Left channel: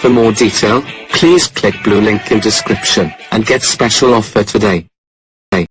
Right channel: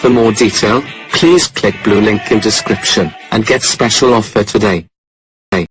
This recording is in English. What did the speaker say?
For more detail, please click blue link in description, and get special offer today.